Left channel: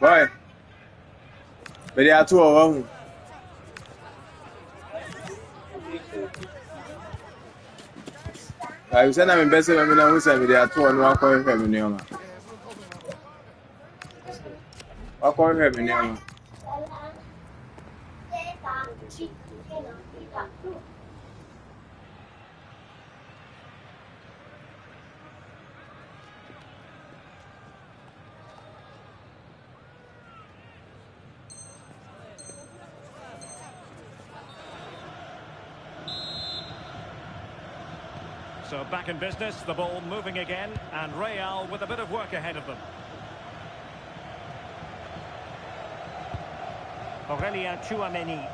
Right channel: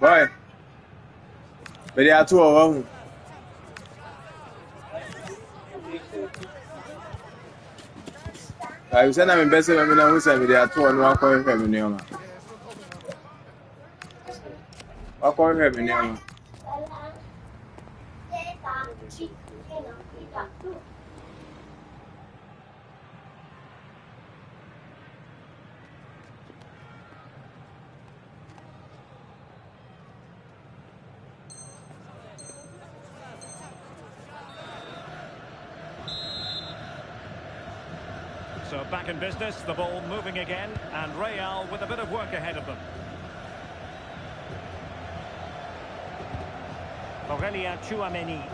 Boy, but they are two of them. I said I'm best of them who said they are two and one coin from Neoma. What coin from Neoma? So back in business, the ball moving again, and Real with a bit of work ahead of them. Aurelien Tchouameni.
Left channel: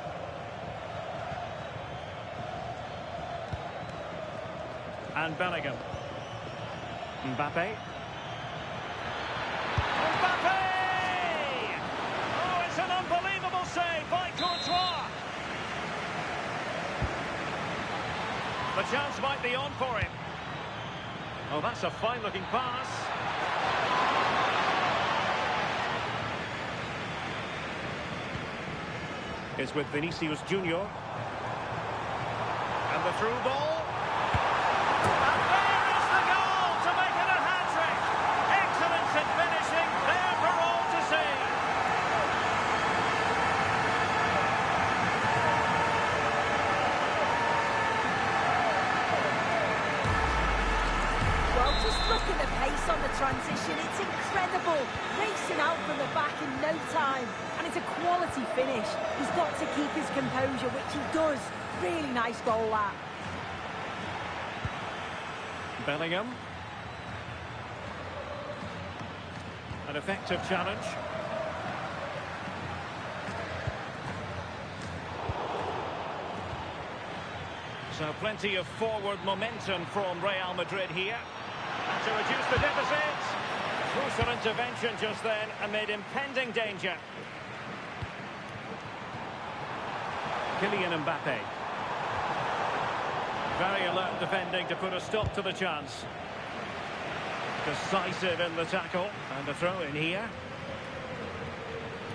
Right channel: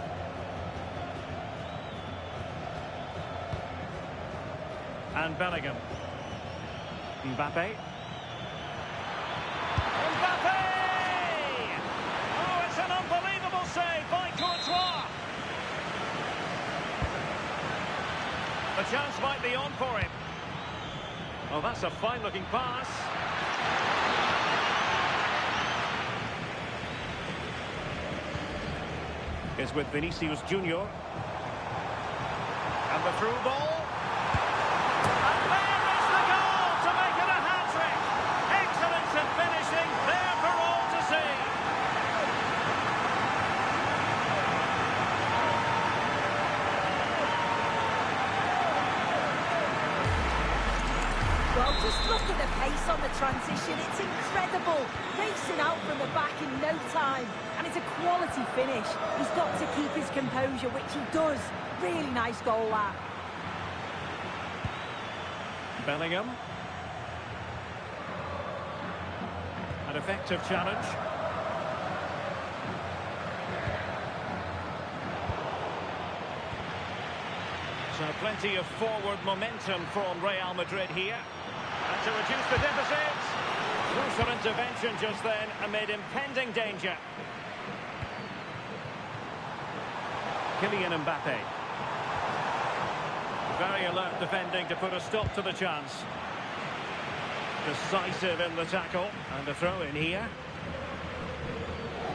And Bellingham. Mbappe. Mbappe! Oh, it's an unbelievable save by Courtois. The chance might be on for him. Oh, that's a fine-looking pass. Is with Vinicius Junior. And the through ball. And there is the goal to make it a hat-trick. Excellence in finishing, there for all to see. Well, just look at the pace on the transition. It's incredible. Racing out from the back in no time. And it's a quality finish. He's got to keep his composure, which he does. Really nice goal, that. Bellingham. An effective challenge. So plenty of forward momentum from Real Madrid here. And to reduce the deficit, crucial intervention just then amid impending danger. Kylian Mbappe. Very alert defending to put a stop to the chance. Decisive in the tackle, and a throw in here.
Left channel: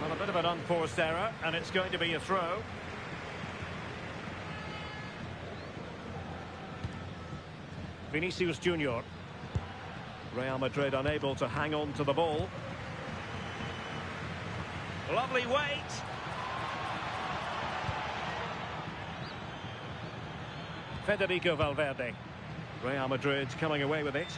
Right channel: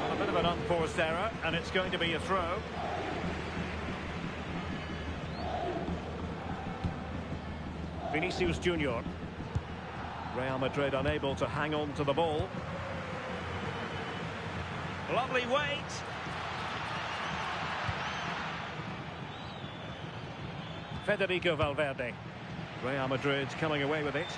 Well, a bit of an unforced error, and it's going to be a throw. Vinicius Junior. Real Madrid unable to hang on to the ball. Lovely weight. Federico Valverde. Real Madrid coming away with it.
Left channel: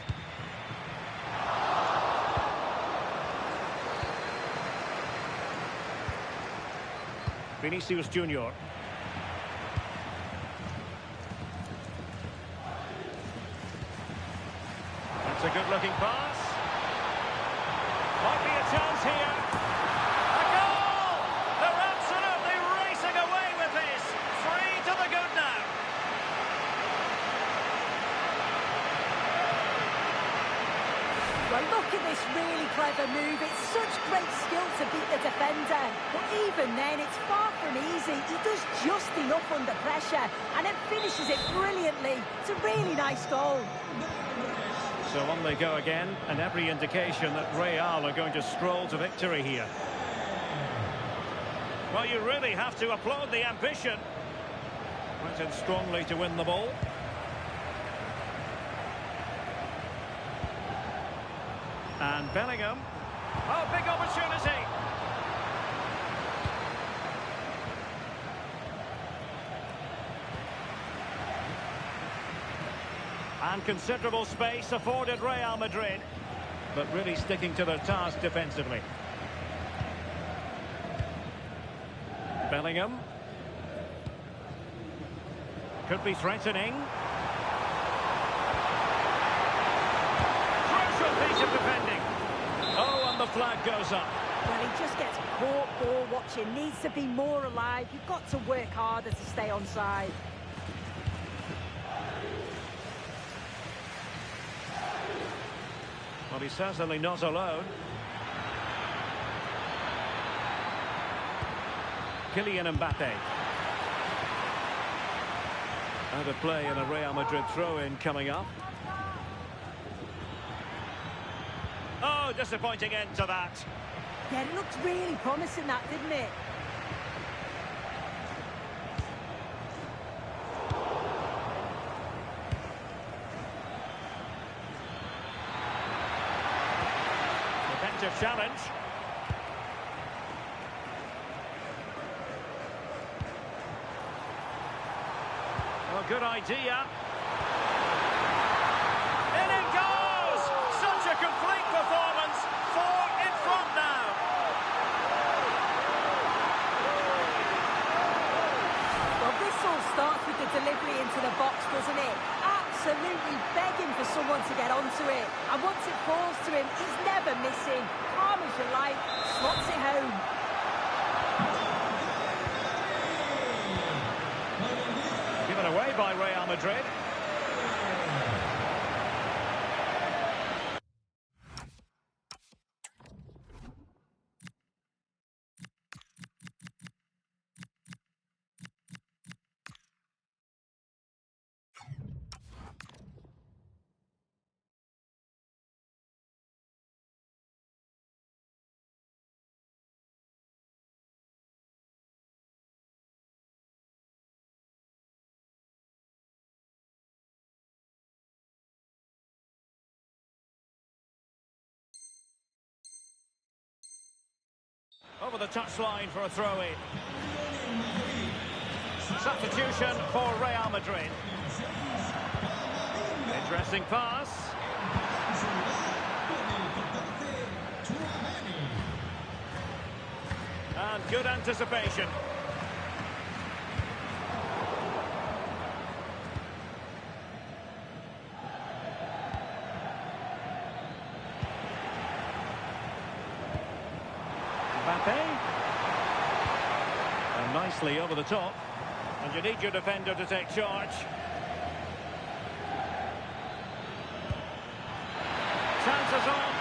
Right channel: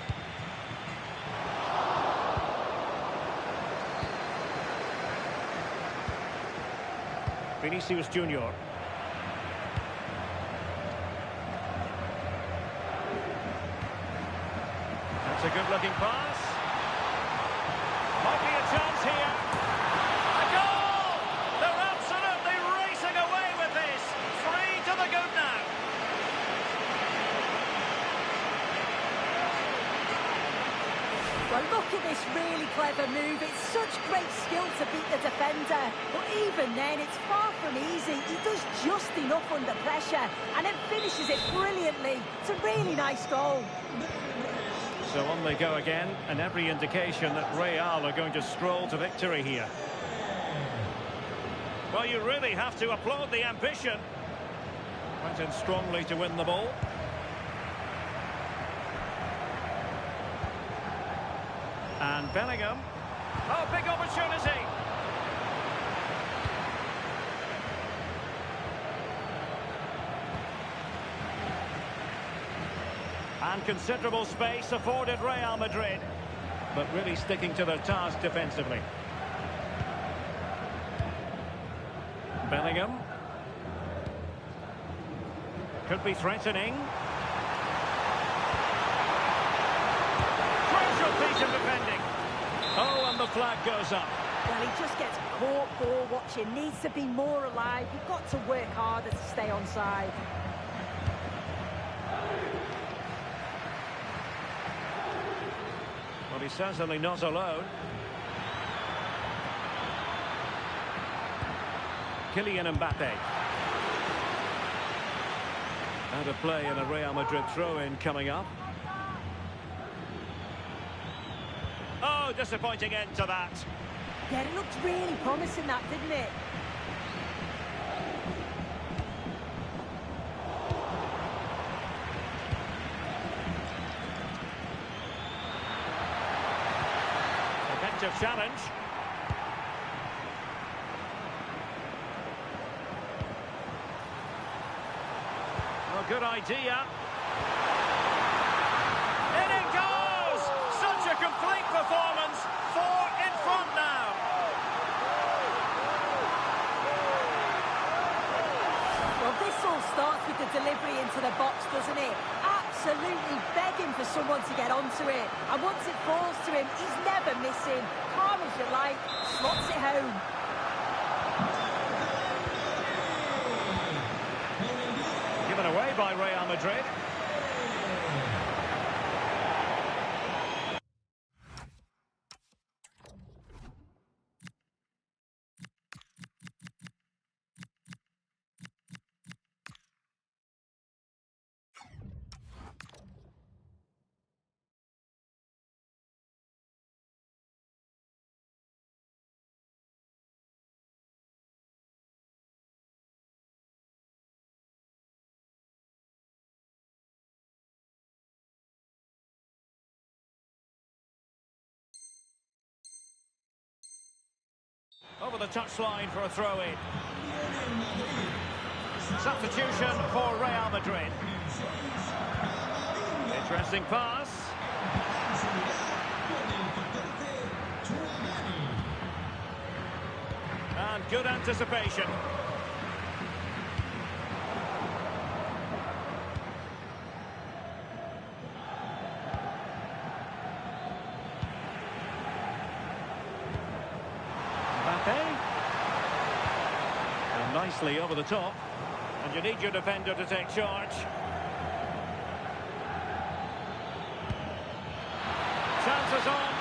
Vinicius Junior. That's a good-looking pass. Might be a chance here. A goal! They're absolutely racing away with this. 3 to the good now. Well, look at this really clever move. It's such great skill to beat the defender. But even then, it's far from easy. He does just enough under pressure and then finishes it brilliantly. It's a really nice goal. So on they go again, and every indication that Real are going to stroll to victory here. Well, you really have to applaud the ambition. Went in strongly to win the ball. And Bellingham. Oh, big opportunity. And considerable space afforded Real Madrid, but really sticking to their task defensively. Bellingham. Could be threatening. Crucial piece of defending. Oh, and the flag goes up. Well, he just gets caught ball watching. Needs to be more alive. You've got to work harder to stay onside. Well, he's certainly not alone. Kylian Mbappe. Out of play and a Real Madrid throw-in coming up. Oh, disappointing end to that. Yeah, it looked really promising, that, didn't it? Effective challenge. Oh, good idea. In it goes! Such a complete performance. 4 in front now. Well, this all starts with the delivery into the box, doesn't it? Absolutely begging for someone to get onto it. And once it falls to him, he's never missing. Calm as you like, slots it home. Given away by Real Madrid. Over the touchline for a throw-in. Substitution for Real Madrid. Interesting pass. And good anticipation. And nicely over the top. And you need your defender to take charge. Chances on.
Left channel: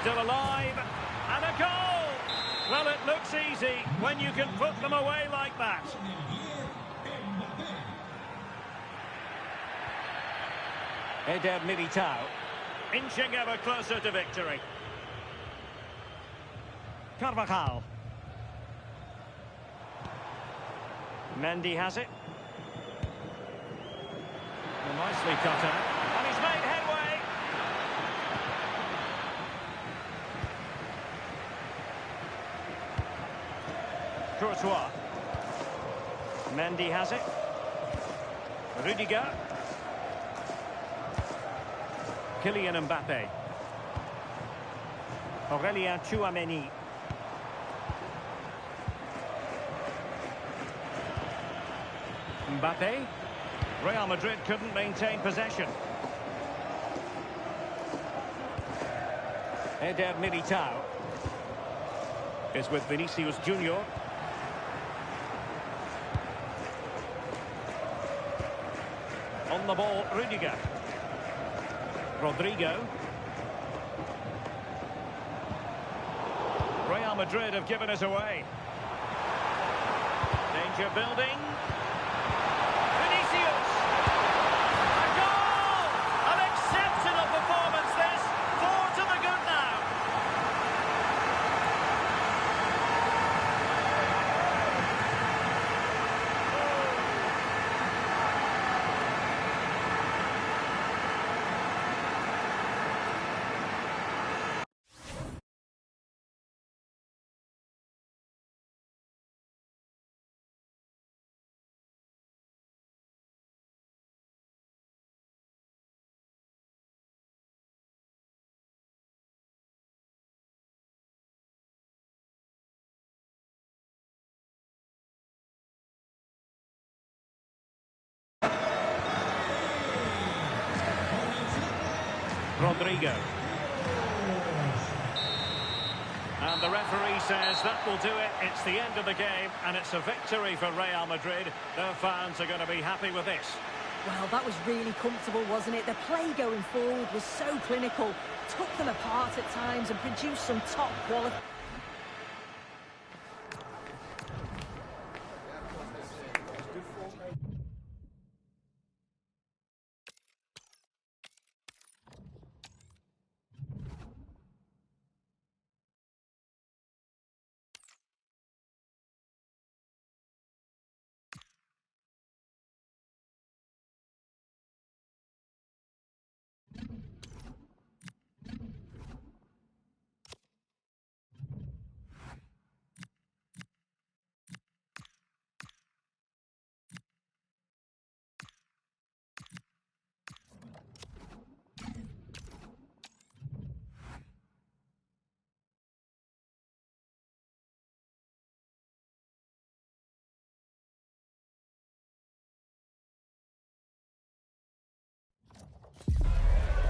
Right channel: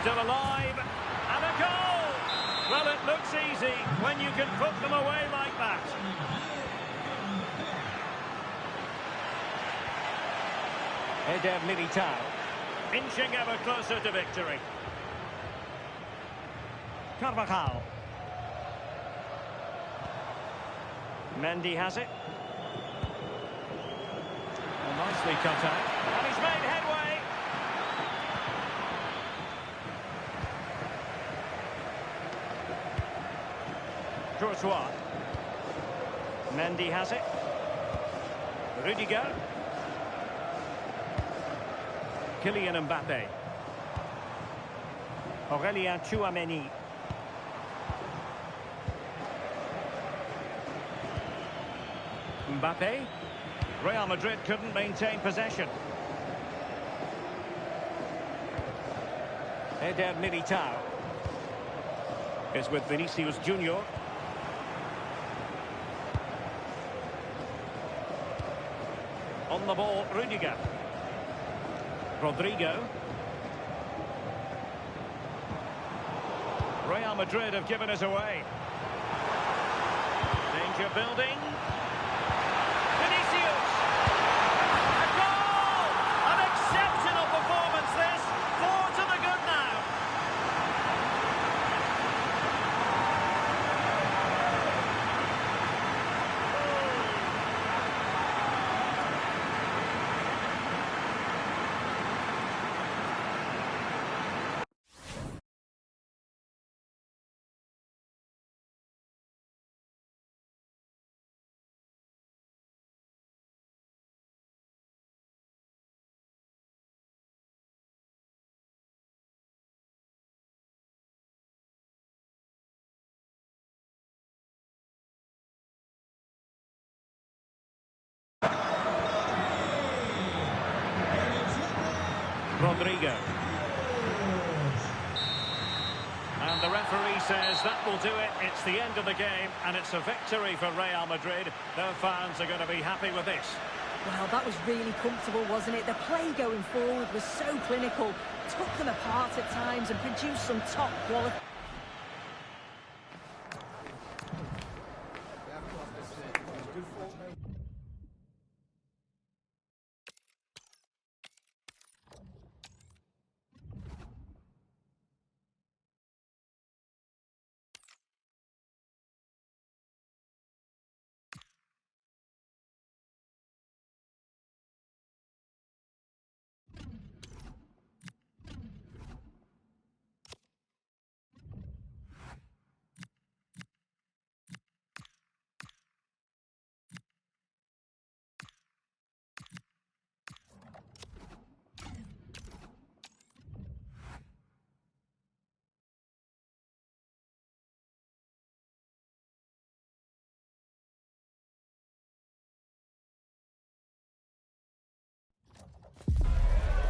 Still alive. And a goal! Well, it looks easy when you can put them away like that. Eder Militao. Inching ever closer to victory. Carvajal. Mendy has it. Well, nicely cut out. And he's made headway. Courtois. Mendy has it. Rudiger. Kylian Mbappe. Aurélien Tchouameni. Mbappe. Real Madrid couldn't maintain possession. Eder Militao is with Vinicius Junior. On the ball, Rudiger. Rodrigo. Real Madrid have given us away. Danger building. Vinicius! A goal! An exceptional performance this. 4 to the good now. Rodrigo. And the referee says that will do it. It's the end of the game, and it's a victory for Real Madrid. Their fans are going to be happy with this. Well, that was really comfortable, wasn't it? The play going forward was so clinical, took them apart at times and produced some top quality.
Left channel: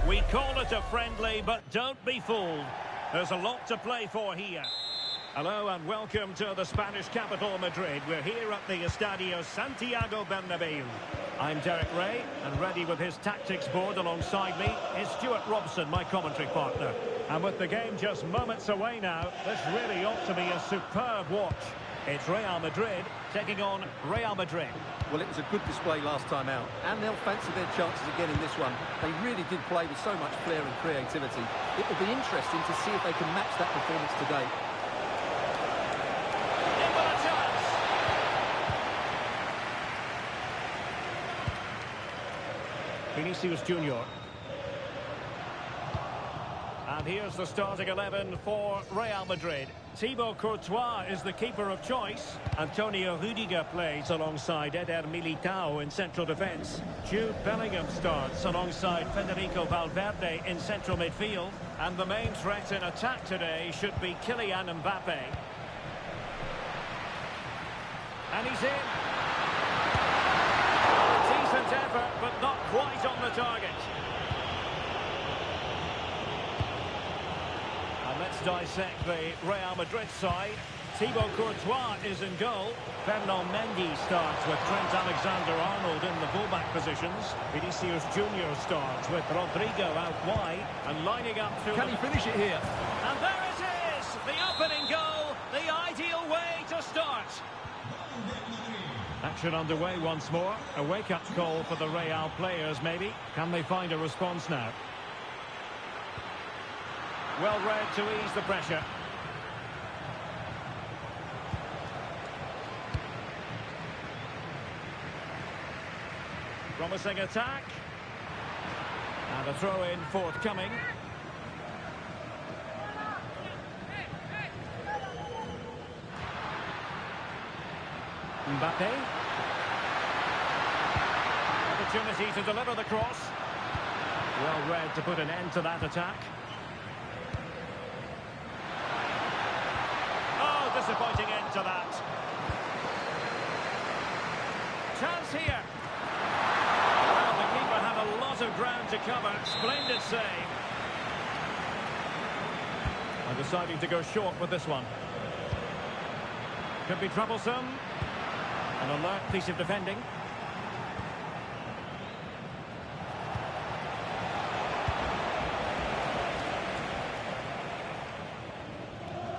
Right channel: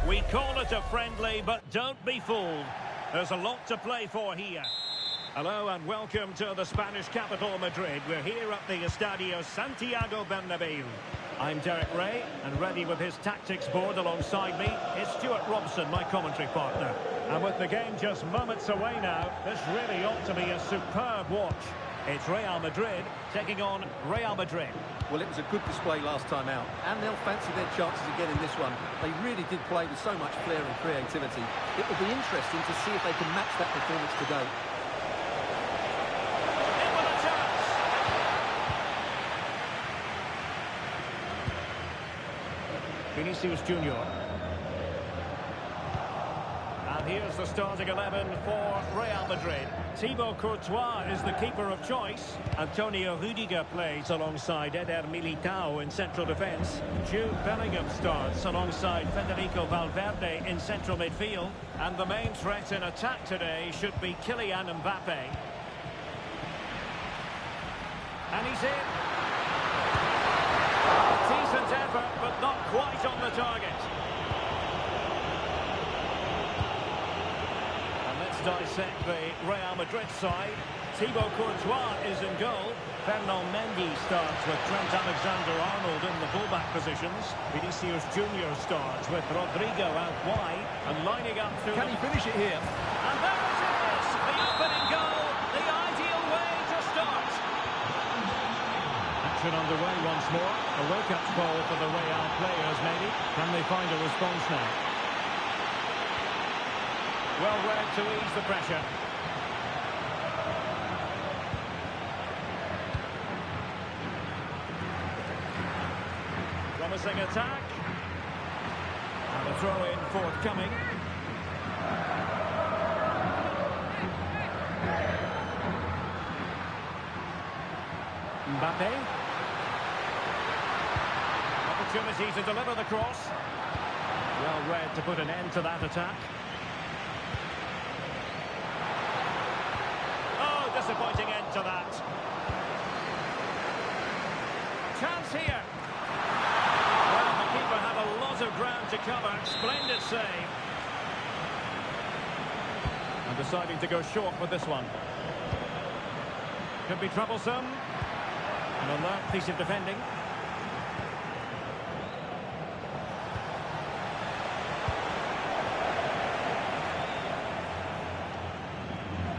We call it a friendly, but don't be fooled. There's a lot to play for here. Hello and welcome to the Spanish capital, Madrid. We're here at the Estadio Santiago Bernabeu. I'm Derek Ray, and ready with his tactics board alongside me is Stuart Robson, my commentary partner. And with the game just moments away now, this really ought to be a superb watch. It's Real Madrid taking on Real Madrid. Well, it was a good display last time out, and they'll fancy their chances again in this one. They really did play with so much flair and creativity. It will be interesting to see if they can match that performance today. In with a chance. Vinicius Junior. And here's the starting 11 for Real Madrid. Thibaut Courtois is the keeper of choice. Antonio Rudiger plays alongside Eder Militao in central defence. Jude Bellingham starts alongside Federico Valverde in central midfield. And the main threat in attack today should be Kylian Mbappe. And he's in. A decent effort, but not quite on the target. Let's dissect the Real Madrid side. Thibaut Courtois is in goal. Fernand Mendy starts with Trent Alexander-Arnold in the fullback positions. Vinicius Junior starts with Rodrigo out wide and lining up through. Can he finish it here? And there it is! The opening goal, the ideal way to start. Action underway once more. A wake-up call for the Real players, maybe. Can they find a response now? Well read to ease the pressure. Promising attack. And a throw-in forthcoming. Mbappe. Opportunity to deliver the cross. Well read to put an end to that attack. Oh, disappointing end to that. Chance here. Well, the keeper had a lot of ground to cover. Splendid save. And deciding to go short with this one. Could be troublesome. An alert piece of defending.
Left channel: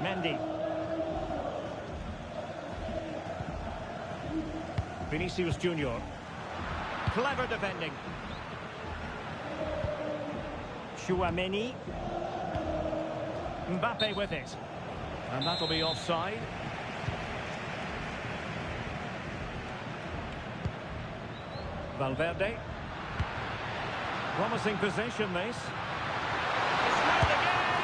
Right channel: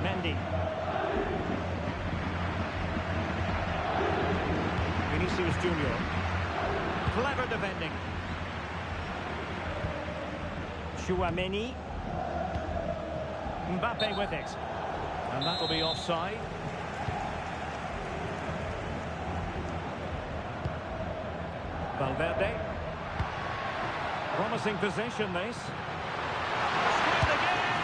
Mendy. Vinicius Junior. Clever defending. Chouameni. Mbappe with it. And that'll be offside. Valverde. Promising possession, this. To square the game.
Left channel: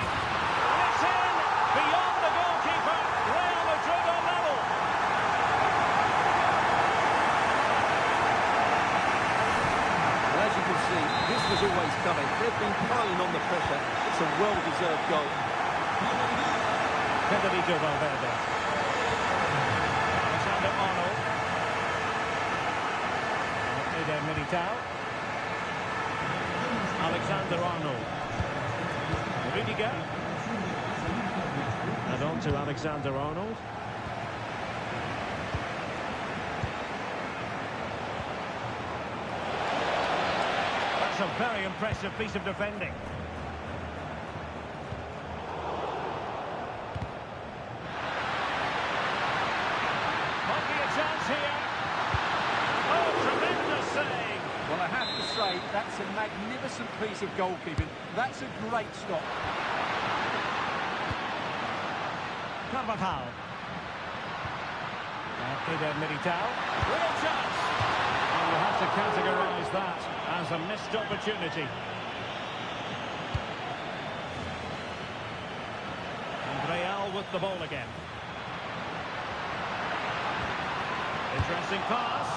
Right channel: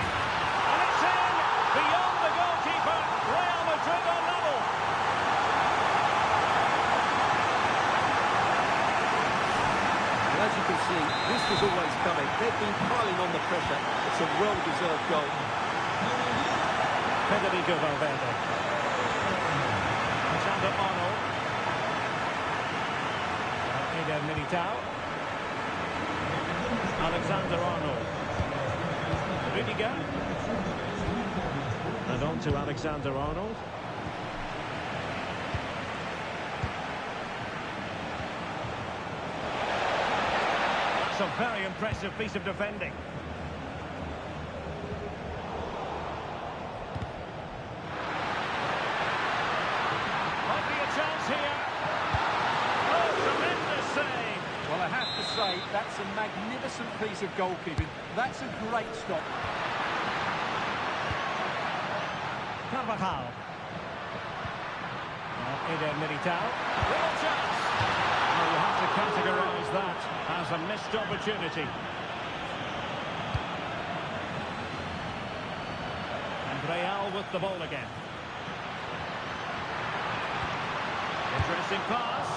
And it's in. Beyond the goalkeeper. Real Madrid are level. Well, as you can see, this was always coming. They've been piling on the pressure. It's a well-deserved goal. Federico Valverde. Alexander-Arnold. Eder Militao. Alexander-Arnold. Rudiger. And on to Alexander-Arnold. That's a very impressive piece of defending. Might be a chance here. save. Well, I have to say, that's a magnificent piece of goalkeeping. That's a great stop. Carvajal. Eder Militao. Real chance. Well, you have to categorise that as a missed opportunity. And Real with the ball again. Interesting pass.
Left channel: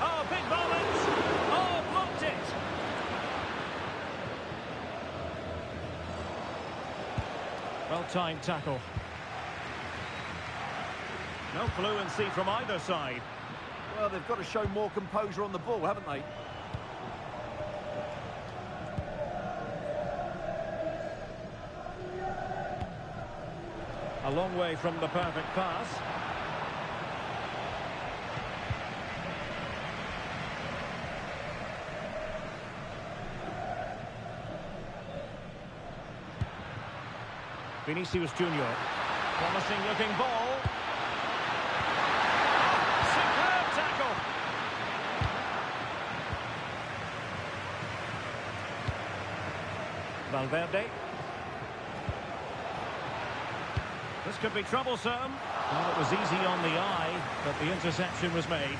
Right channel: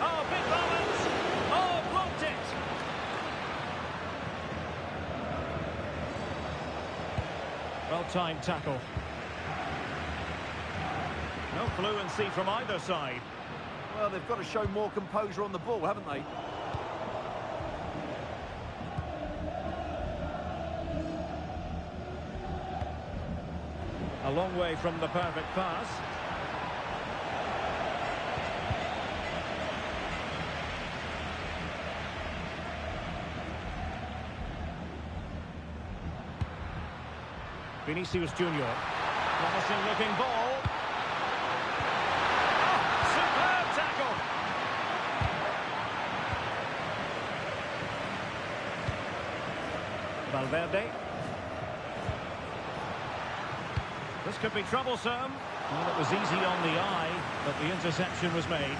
Oh, big moment. Oh, blocked it. Well-timed tackle. No fluency from either side. Well, they've got to show more composure on the ball, haven't they? A long way from the perfect pass. Vinicius Junior. Promising looking ball. Oh, superb tackle. Valverde. This could be troublesome. Well, it was easy on the eye, but the interception was made.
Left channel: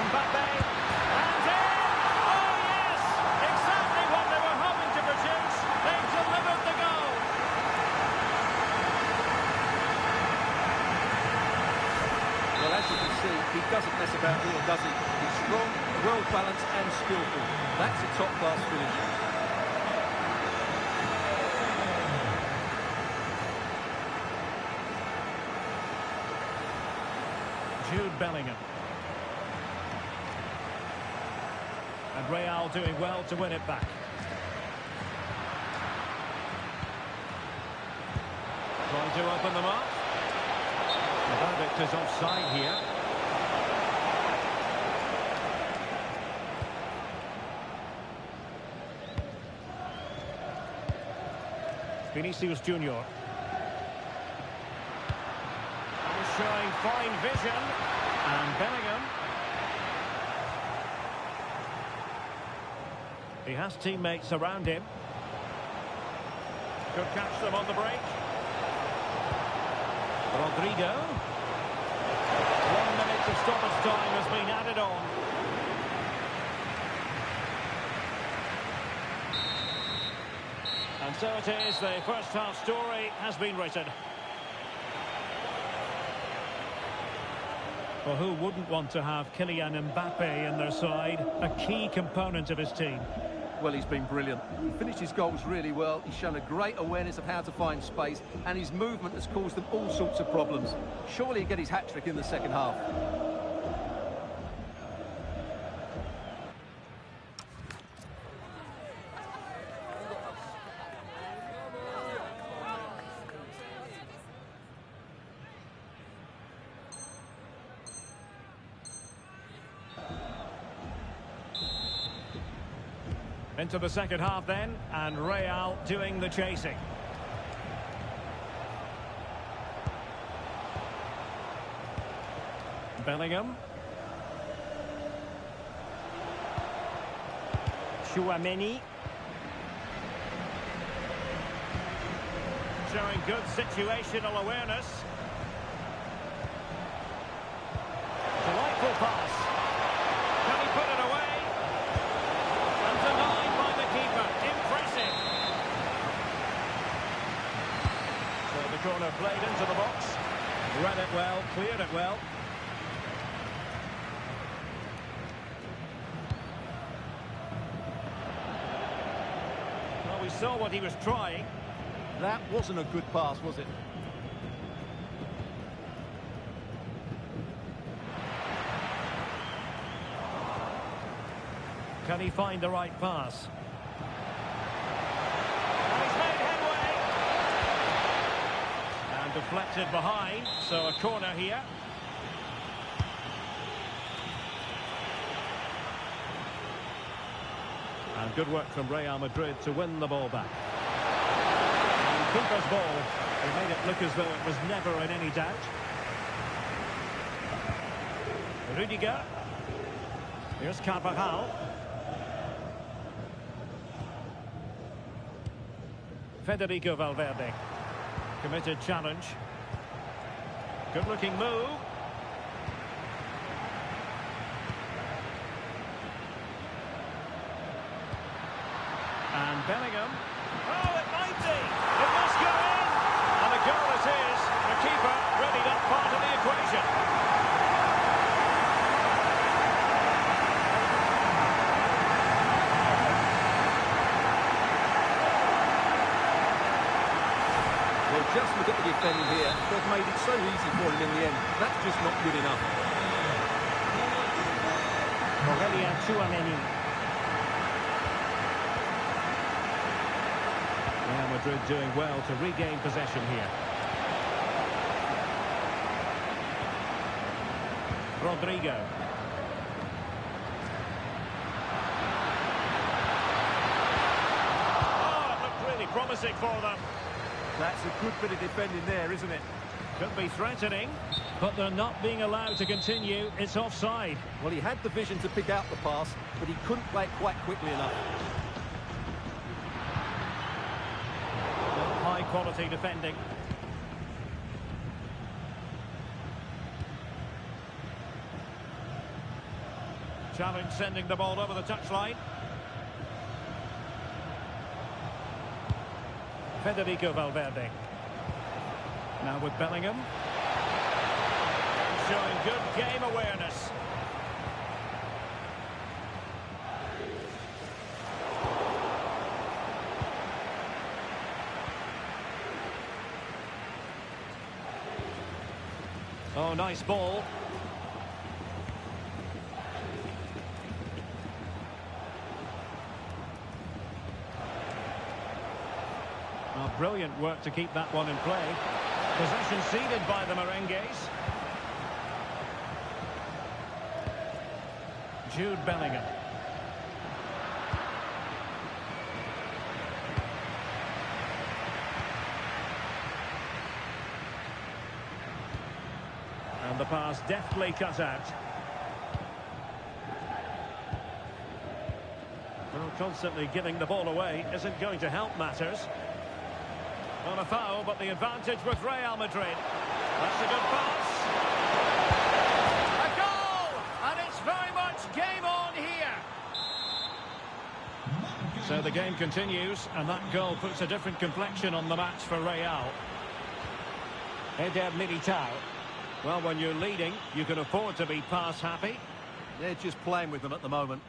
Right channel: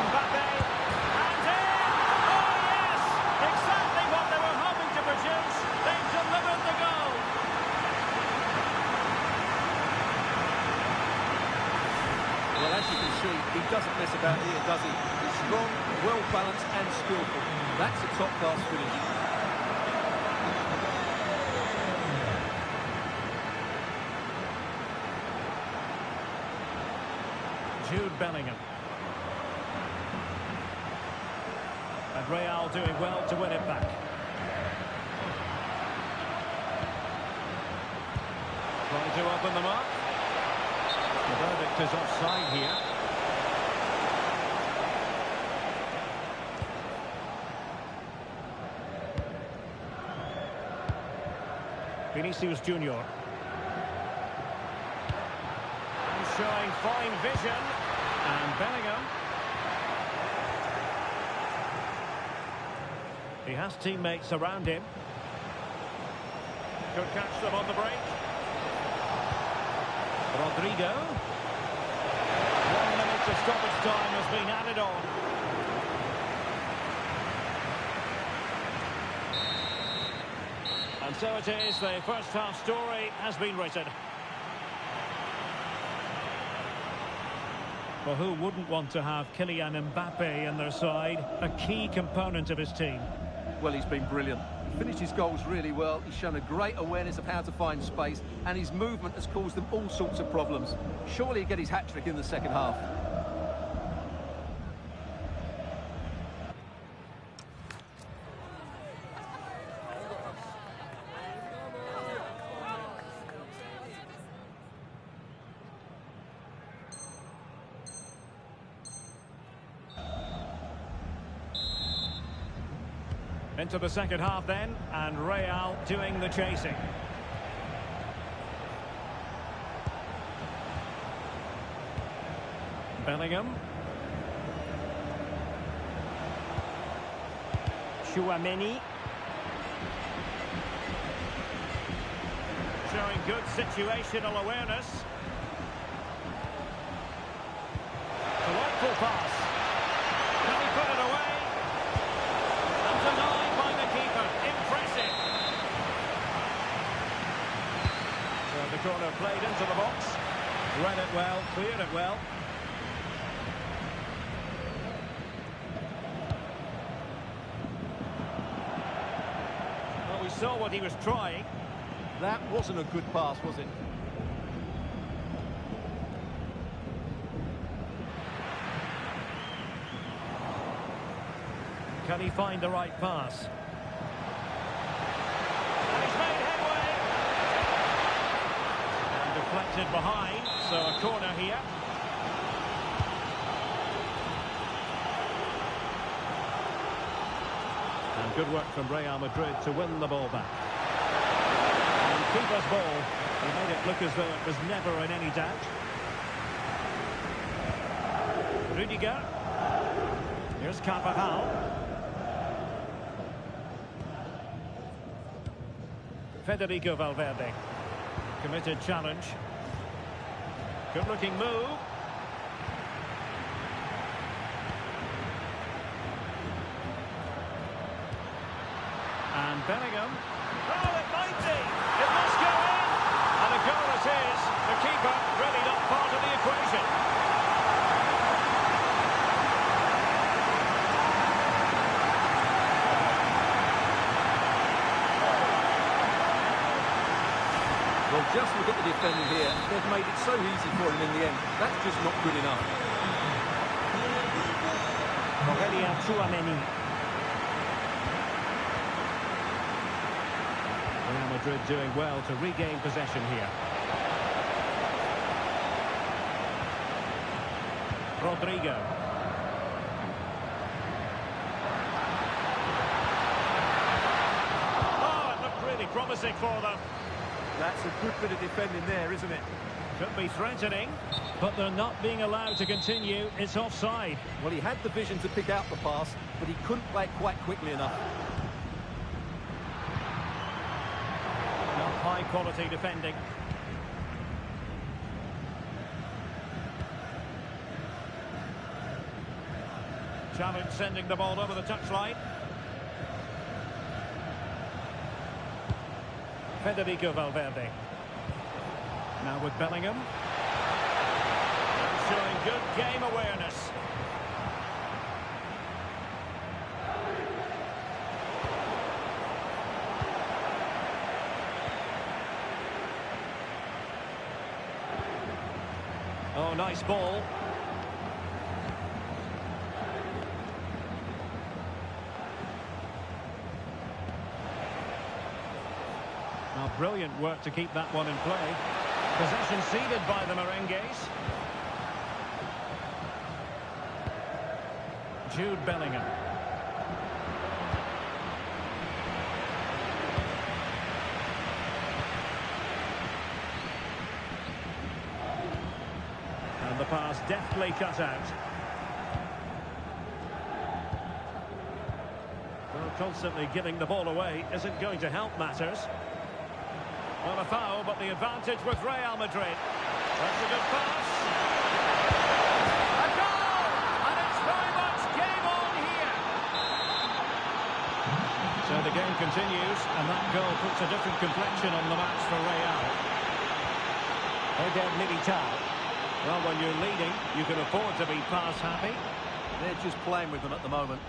Mbappe, and in! Oh yes! Exactly what they were hoping to produce. They've delivered the goal. Well, as you can see, he doesn't mess about here, does he? He's strong, well-balanced and skillful. That's a top-class finish. Jude Bellingham. And Real doing well to win it back. Trying to open them up. The verdict is offside here. Vinicius Junior. And showing fine vision. And Bellingham. He has teammates around him. Could catch them on the break. Rodrigo. 1 minute of stoppage time has been added on. And so it is, the first half story has been written. Well, who wouldn't want to have Kylian Mbappe in their side, a key component of his team? Well, he's been brilliant. He finished his goals really well. He's shown a great awareness of how to find space, and his movement has caused them all sorts of problems. Surely he'll get his hat-trick in the second half. Into the second half then, and Real doing the chasing. Bellingham. Chouameni. Showing good situational awareness. Delightful pass. Can he put it away? And denied by the keeper. Impressive. So the corner played into the box. Read it well, cleared it well. Well, we saw what he was trying. That wasn't a good pass, was it? Can he find the right pass? And he's made headway. And deflected behind, so a corner here. And good work from Real Madrid to win the ball back. Keeper's ball. He made it look as though it was never in any doubt. Rudiger. Here's Carvajal. Federico Valverde. Committed challenge. Good-looking move. And Bellingham. Oh, it might be. It must go in. And a goal it is. The keeper really not part of the equation. Well, just look at the defending here. They've made it so easy for him in the end. That's just not good enough. Aurelien Tchouameni. Real Madrid doing well to regain possession here. Rodrigo. Oh, it looked really promising for them. That's a good bit of defending there, isn't it? Could be threatening, but they're not being allowed to continue. It's offside. Well, he had the vision to pick out the pass, but he couldn't play it quite quickly enough. Not high quality defending. Challenge sending the ball over the touchline. Federico Valverde. Now with Bellingham. And showing good game awareness. Oh, nice ball. Oh, brilliant work to keep that one in play. Possession ceded by the Merengues. Jude Bellingham. And the pass deftly cut out. Well, constantly giving the ball away isn't going to help matters. On a foul, but the advantage with Real Madrid. That's a good pass. A goal! And it's very much game on here. So the game continues, and that goal puts a different complexion on the match for Real. Eder Militao. Well, when you're leading, you can afford to be pass happy. They're just playing with them at the moment.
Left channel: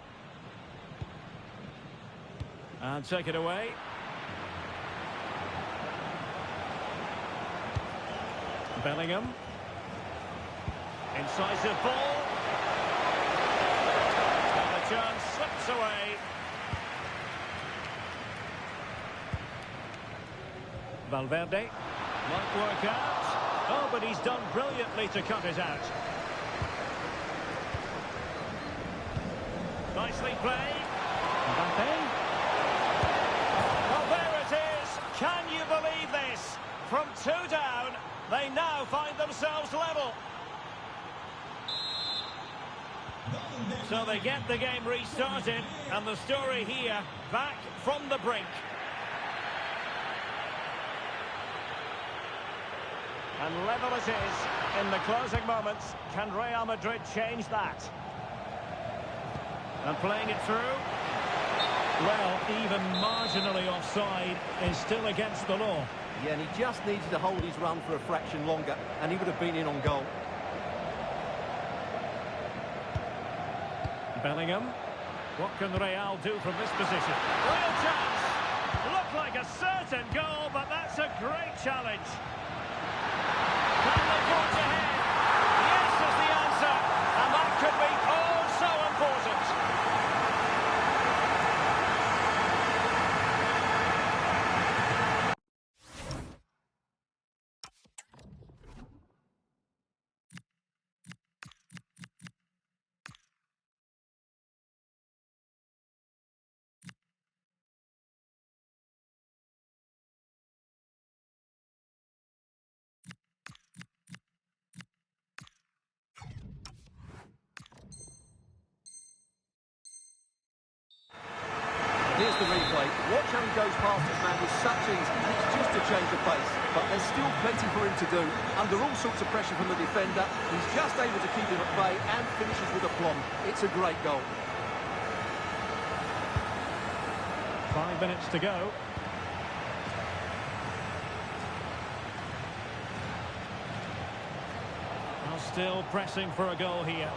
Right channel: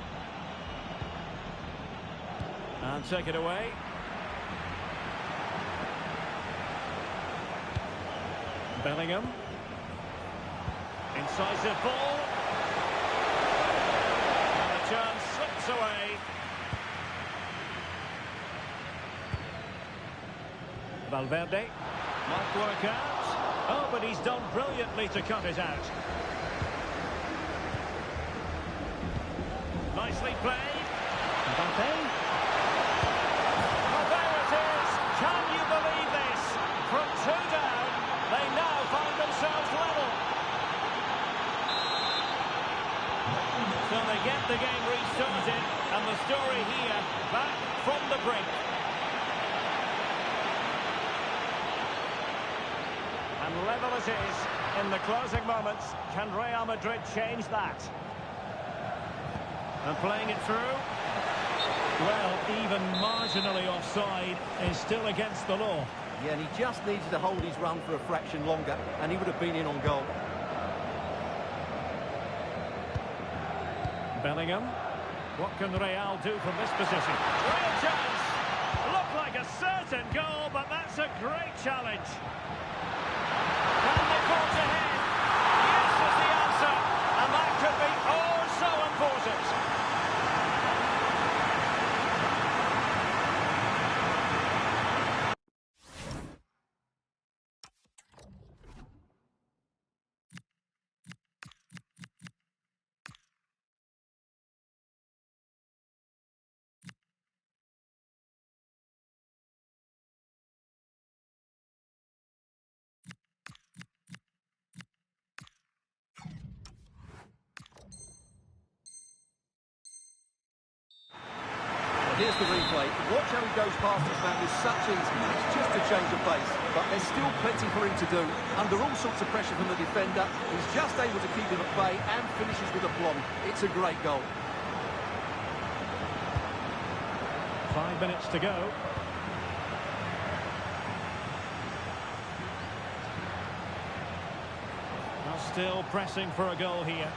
And take it away. Bellingham. Incisive ball. And a chance slips away. Valverde. Might work out. Oh, but he's done brilliantly to cut it out. Nicely played. Mbappe. Well, there it is. Can you believe this? From 2 down, they now find themselves level. So they get the game restarted, and the story here, back from the brink. And level it is in the closing moments. Can Real Madrid change that? And playing it through. Well, even marginally offside is still against the law. Yeah, and he just needed to hold his run for a fraction longer, and he would have been in on goal. Bellingham. What can Real do from this position? Real chance. Looked like a certain goal, but that's a great challenge. Can they forge ahead? Yes is the answer, and that could be oh so important. Here's the replay. Watch how he goes past his man with such ease, and it's just a change of pace. But there's still plenty for him to do. Under all sorts of pressure from the defender, he's just able to keep him at bay and finishes with aplomb. It's a great goal. 5 minutes to go. Now still pressing for a goal here.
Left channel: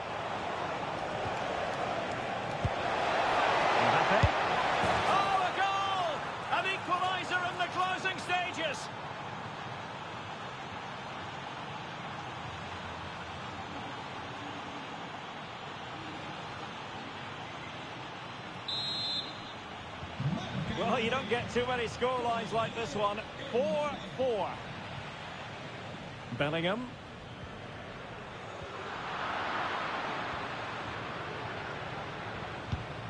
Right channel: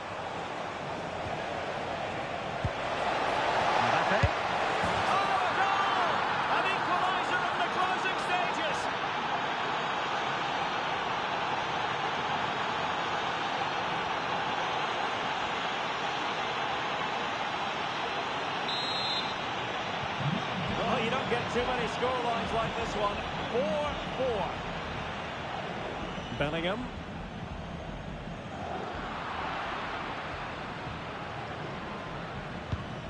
Mbappe. Oh, a goal! An equaliser in the closing stages. Well, you don't get too many scorelines like this one. 4-4. Bellingham.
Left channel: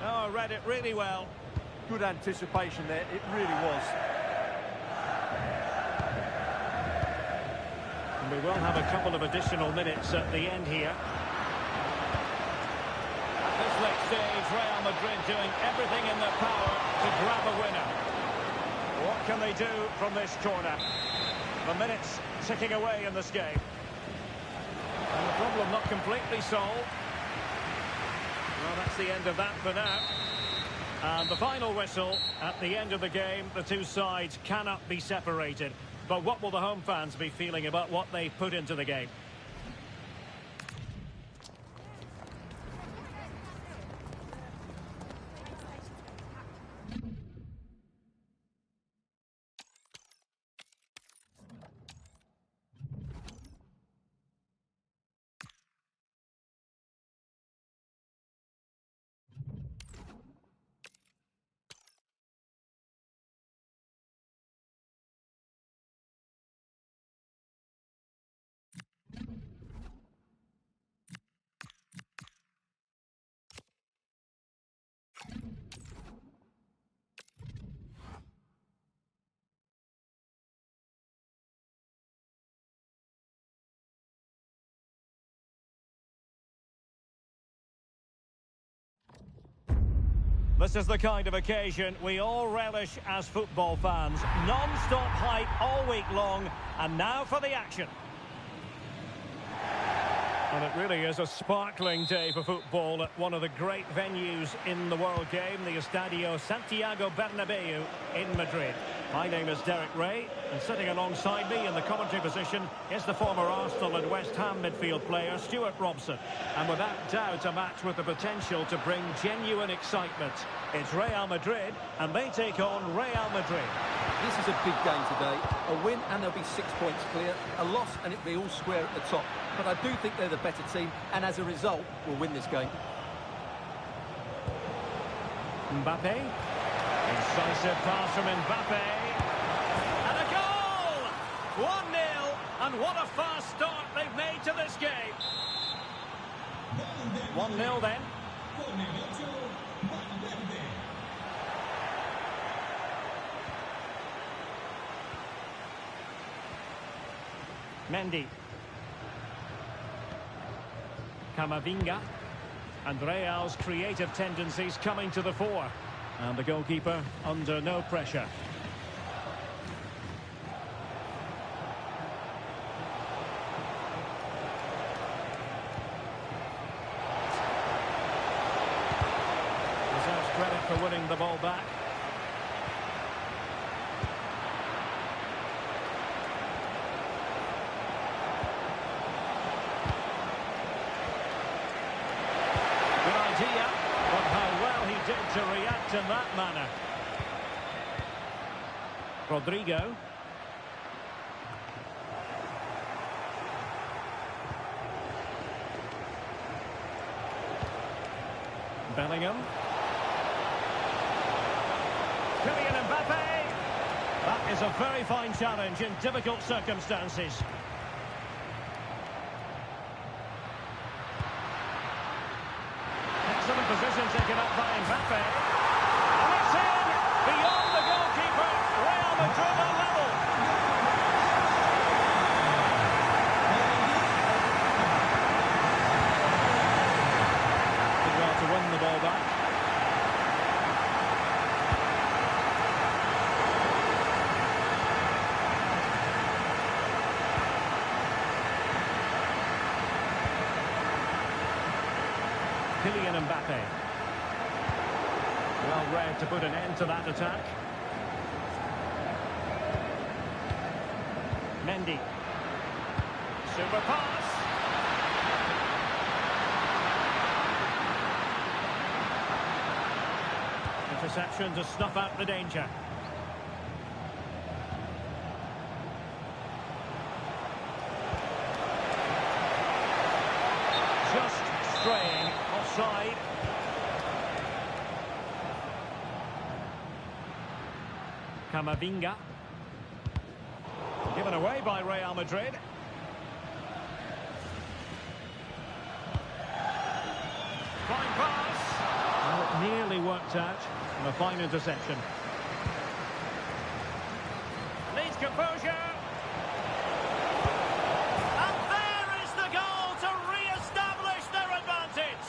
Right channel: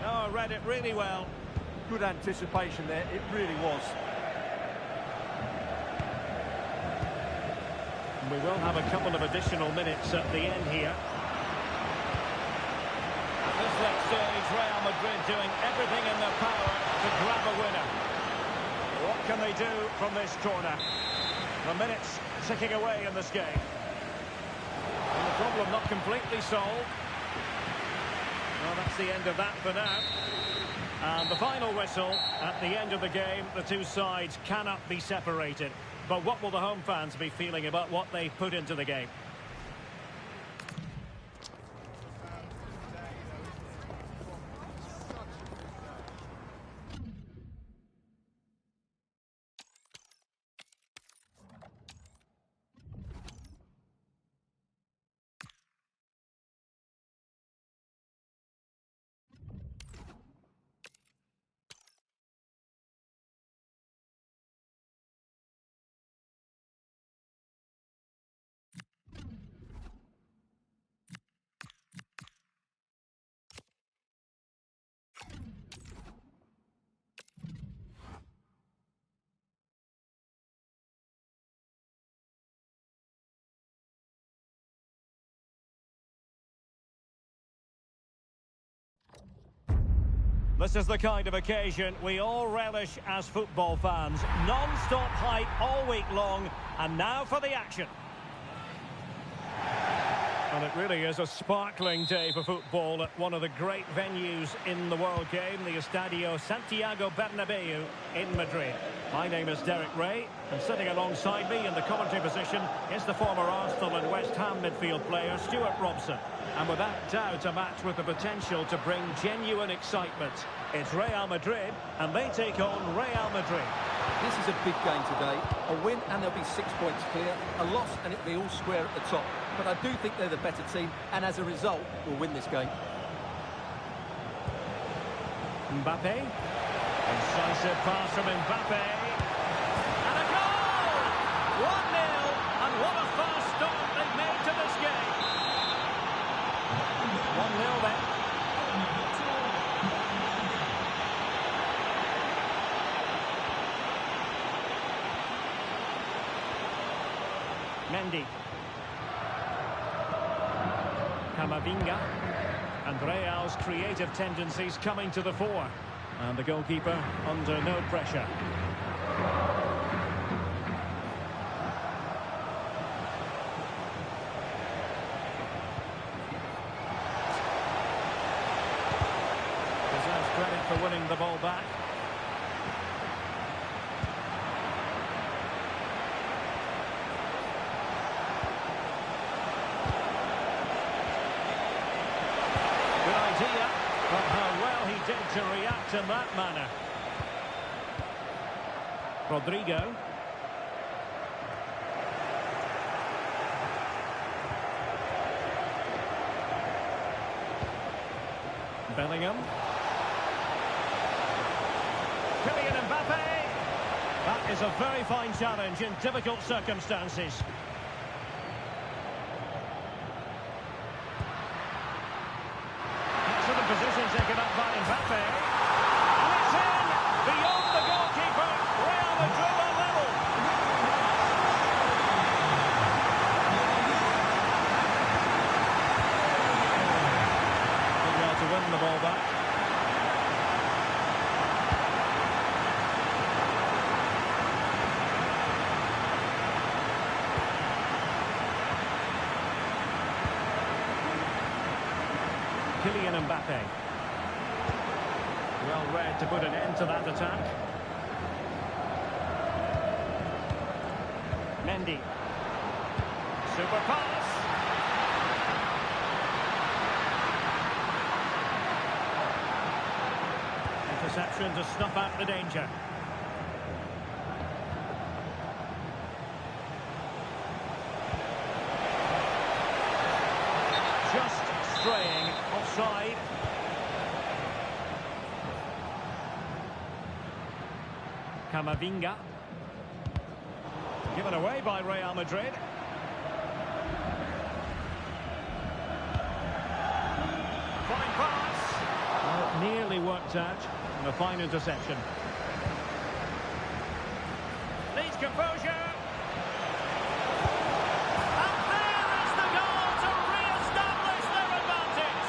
Oh, read it really well. Good anticipation there, it really was. And we will have a couple of additional minutes at the end here. At this late stage, Real Madrid doing everything in their power to grab a winner. What can they do from this corner? The minutes ticking away in this game. And the problem not completely solved. Well, that's the end of that for now. And the final whistle at the end of the game. The two sides cannot be separated. But what will the home fans be feeling about what they put into the game? This is the kind of occasion we all relish as football fans. Non-stop hype all week long, and now for the action. And it really is a sparkling day for football at one of the great venues in the world game, the Estadio Santiago Bernabeu in Madrid. My name is Derek Ray, and sitting alongside me in the commentary position is the former Arsenal and West Ham midfield player, Stuart Robson. And without doubt, a match with the potential to bring genuine excitement. It's Real Madrid, and they take on Real Madrid. This is a big game today. A win and they'll be 6 points clear. A loss and it'll be all square at the top. But I do think they're the better team, and as a result, will win this game. Mbappe. Incisive pass from Mbappe. And a goal! 1-0, and what a fast start they've made to this game. 1-0 then. Mendy. Camavinga. And Real's creative tendencies coming to the fore. And the goalkeeper under no pressure. Deserves credit for winning the ball back. Good idea, but how well he did to react in that manner. Rodrigo. Bellingham. Kylian Mbappe. That is a very fine challenge in difficult circumstances. Excellent position taken up by Mbappe. And it's in! Beyond the goalkeeper, Real Madrid are level. Did well to win the ball back. Kylian Mbappe. Well read to put an end to that attack. Mendy. Super pass. Interception to snuff out the danger. Just straying offside. Camavinga. Given away by Real Madrid. Fine pass. Well, it nearly worked out. And a fine interception. Needs composure. And there is the goal to re-establish their advantage.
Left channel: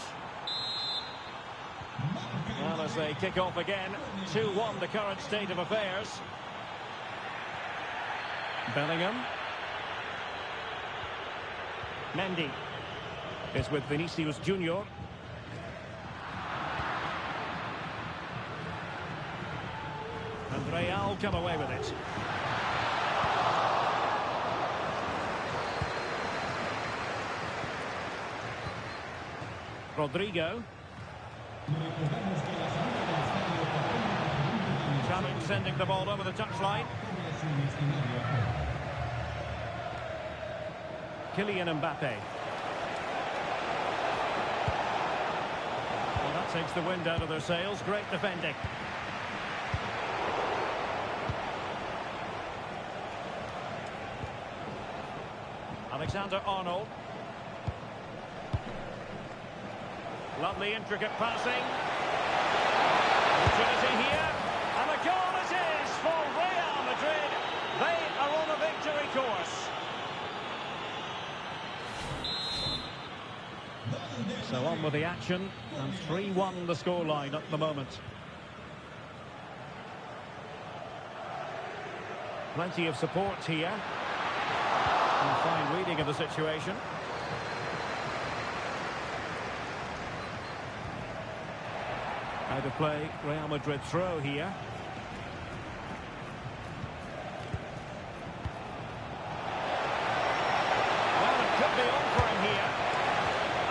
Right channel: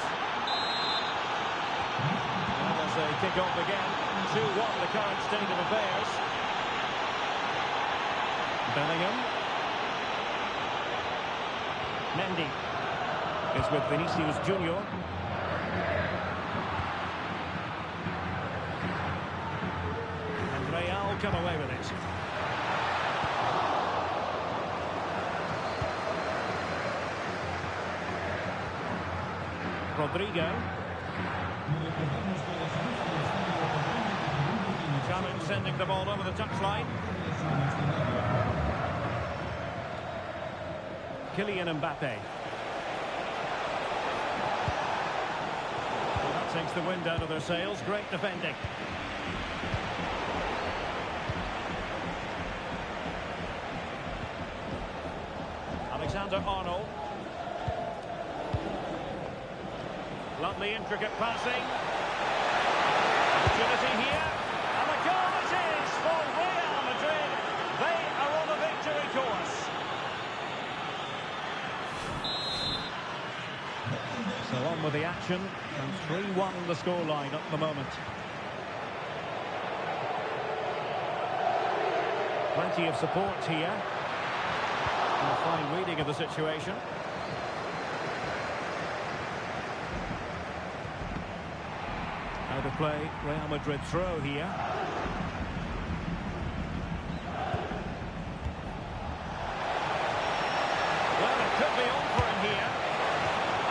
Well, as they kick off again, 2-1 the current state of affairs. Bellingham. Mendy is with Vinicius Junior. And Real come away with it. Rodrigo. Challenge sending the ball over the touchline. Kylian Mbappe. Well, that takes the wind out of their sails. Great defending. Alexander-Arnold. Lovely intricate passing. Opportunity here. And a goal it is for Real Madrid. They are on a victory course. So on with the action. And 3-1 the scoreline at the moment. Plenty of support here. And a fine reading of the situation. Out of play, Real Madrid throw here. Well, it could be on for him here.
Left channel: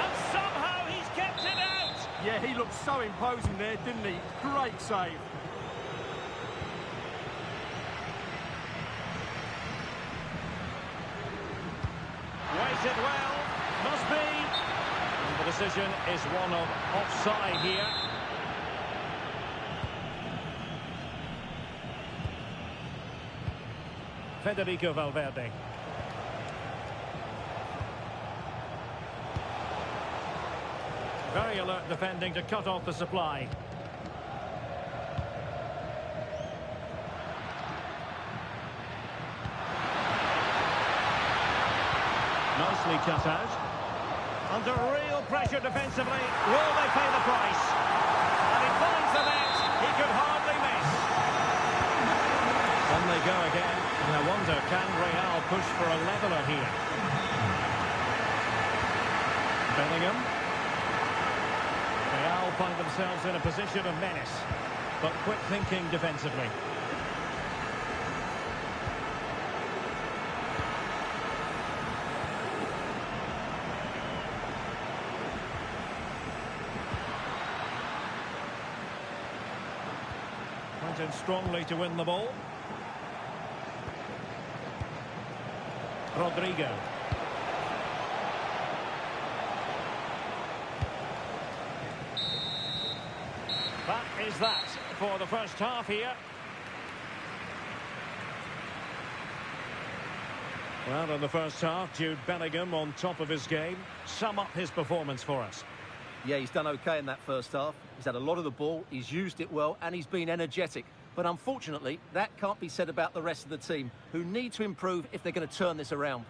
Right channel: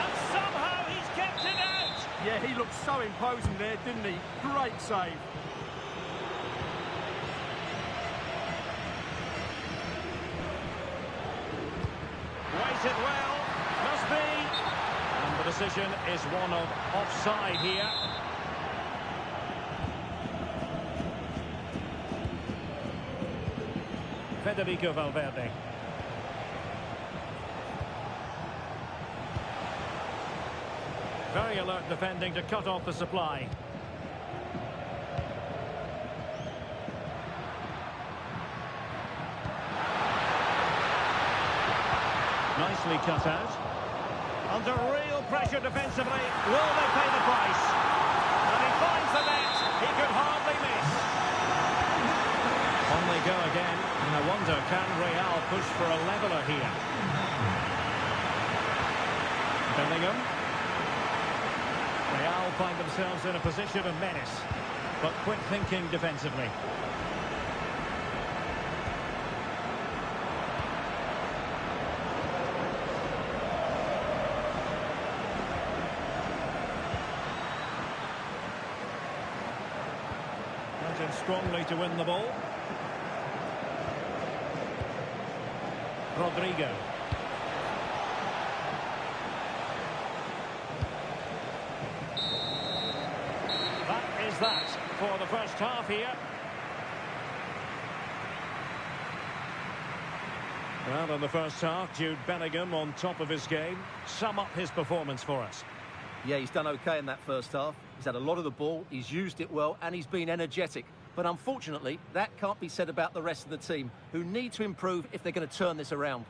And somehow he's kept it out. Yeah, he looked so imposing there, didn't he? Great save. Weighted well, must be. And the decision is one of offside here. Federico Valverde. Very alert defending to cut off the supply. Nicely cut out. Under real pressure defensively. Will they pay the price? And he finds the net. He could hardly miss. On they go again. And I wonder, can Real push for a leveller here? Bellingham. Real find themselves in a position of menace. But quick thinking defensively. Went in strongly to win the ball. Rodrigo. That is that for the first half here. Well, in the first half, Jude Bellingham on top of his game. Sum up his performance for us. Yeah, he's done okay in that first half. He's had a lot of the ball, he's used it well, and he's been energetic. But unfortunately, that can't be said about the rest of the team, who need to improve if they're going to turn this around.